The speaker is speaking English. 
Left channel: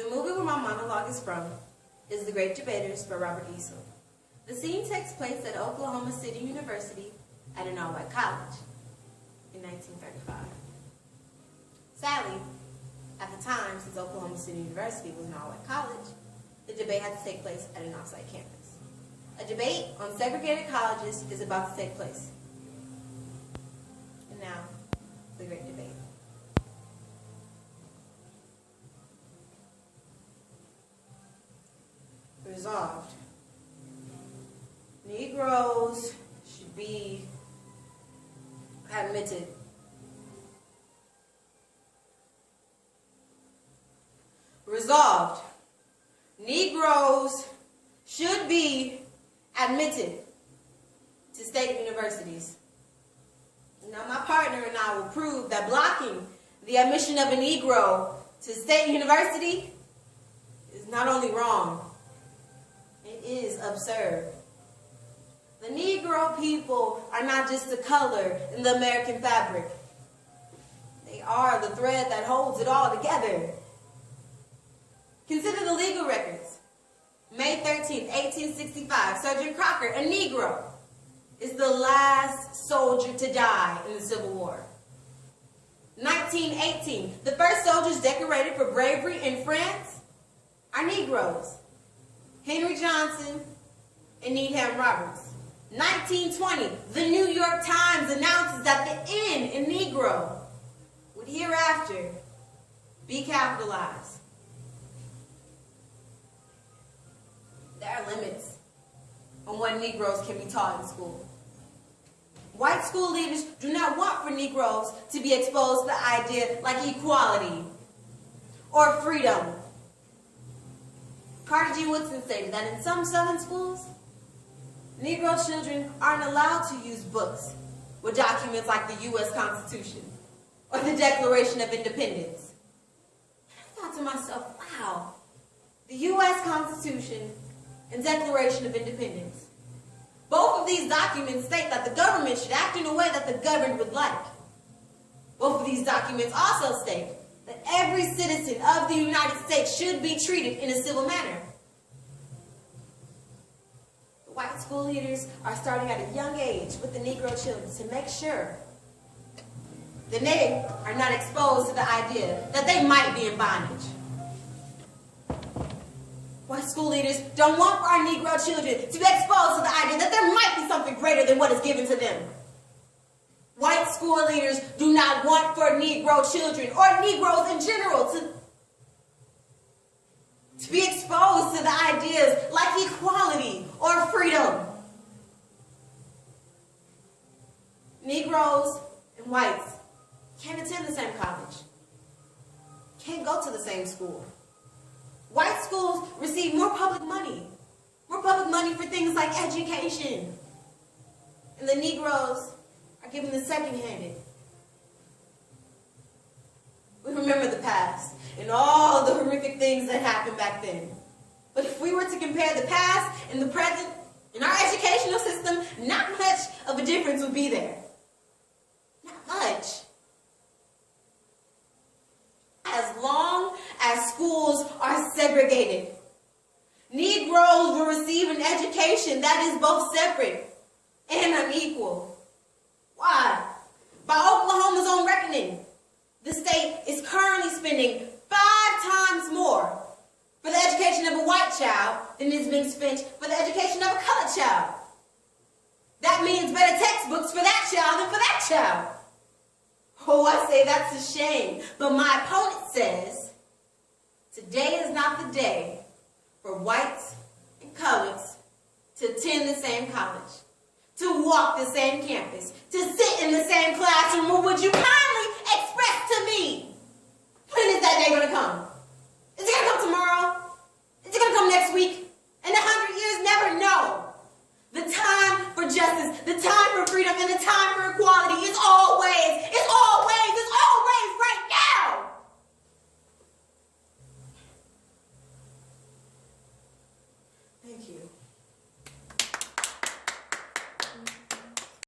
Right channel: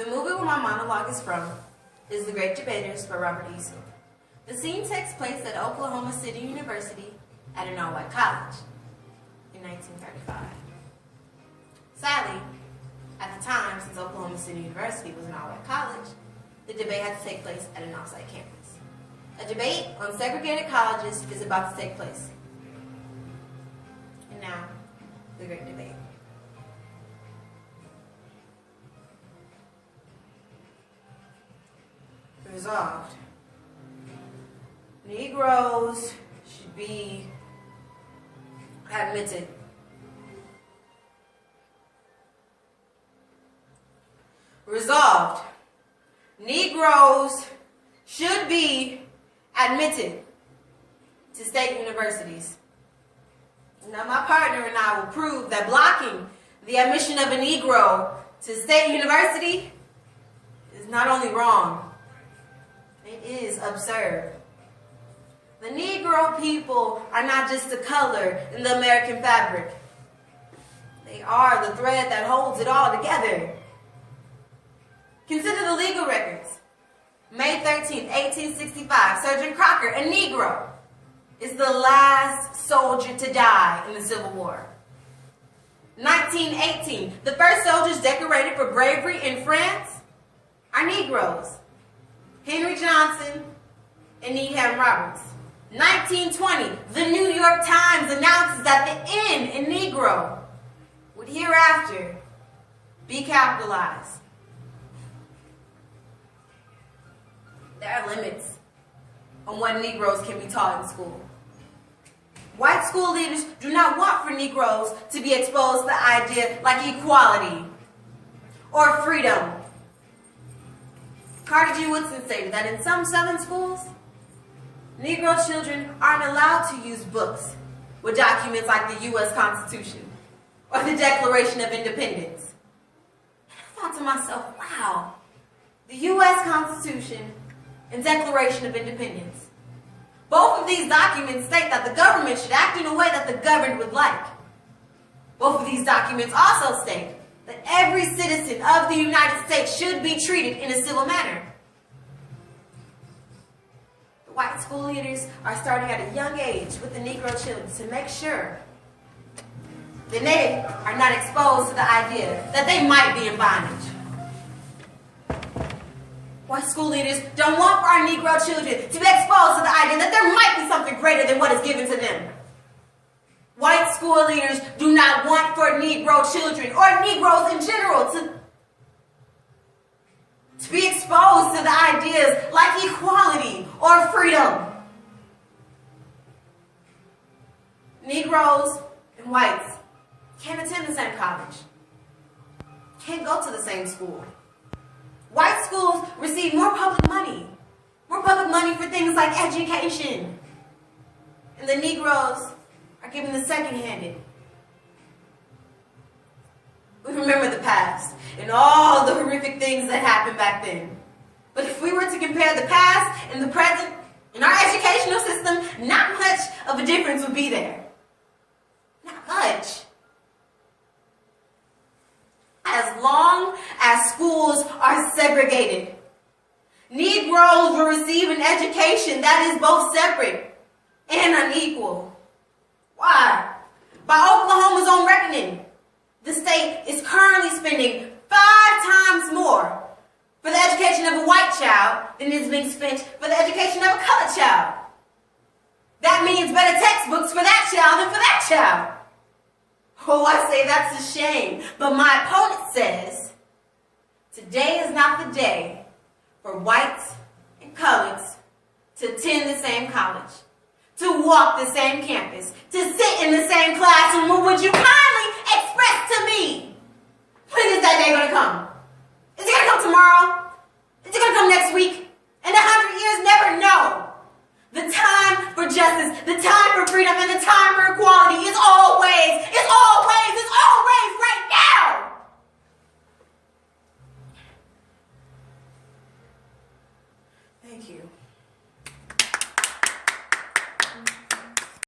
The movie where my monologue is from is The Great Debaters by Robert Eason. The scene takes place at Oklahoma City University at an all-white college in 1935. Sadly, at the time, since Oklahoma City University was an all-white college, the debate had to take place at an off-site campus. A debate on segregated colleges is about to take place. And now, the Great Debate. Resolved. Negroes should be admitted. Resolved. Negroes should be admitted to state universities. Now, my partner and I will prove that blocking the admission of a Negro to state university is not only wrong, it is absurd. The Negro people are not just a color in the American fabric. They are the thread that holds it all together. Consider the legal records. May 13, 1865, Sergeant Crocker, a Negro, is the last soldier to die in the Civil War. 1918, the first soldiers decorated for bravery in France are Negroes. Henry Johnson and Needham Roberts. 1920, the New York Times announces that the N in Negro would hereafter be capitalized. There are limits on what Negroes can be taught in school. White school leaders do not want for Negroes to be exposed to the idea like equality or freedom. Carter G. Woodson stated that in some Southern schools, Negro children aren't allowed to use books with documents like the U.S. Constitution or the Declaration of Independence. And I thought to myself, wow, the U.S. Constitution and Declaration of Independence. Both of these documents state that the government should act in a way that the governed would like. Both of these documents also state that every citizen of the United States should be treated in a civil manner. The white school leaders are starting at a young age with the Negro children to make sure that they are not exposed to the idea that they might be in bondage. White school leaders don't want for our Negro children to be exposed to the idea that there might be something greater than what is given to them. White school leaders do not want for Negro children or Negroes in general to be exposed to the ideas like equality or freedom. Negroes and whites can't attend the same college, can't go to the same school. White schools receive more public money for things like education. And the Negroes are given the second-handed. We remember the past and all the horrific things that happened back then. But if we were to compare the past and the present in our educational system, not much of a difference would be there. Not much. As long as schools are segregated, Negroes will receive an education that is both separate and unequal. Why? By Oklahoma's own reckoning, the state is currently spending 5 times more for the education of a white child than is being spent for the education of a colored child. That means better textbooks for that child than for that child. Oh, I say that's a shame. But my opponent says, today is not the day for whites and coloreds to attend the same college, to walk the same campus, to sit in the same classroom. Or would you kindly express to me, when is that day going to come? Is it going to come tomorrow? Is it going to come next week? In 100 years, never know. The time for justice, the time for freedom, and the time for equality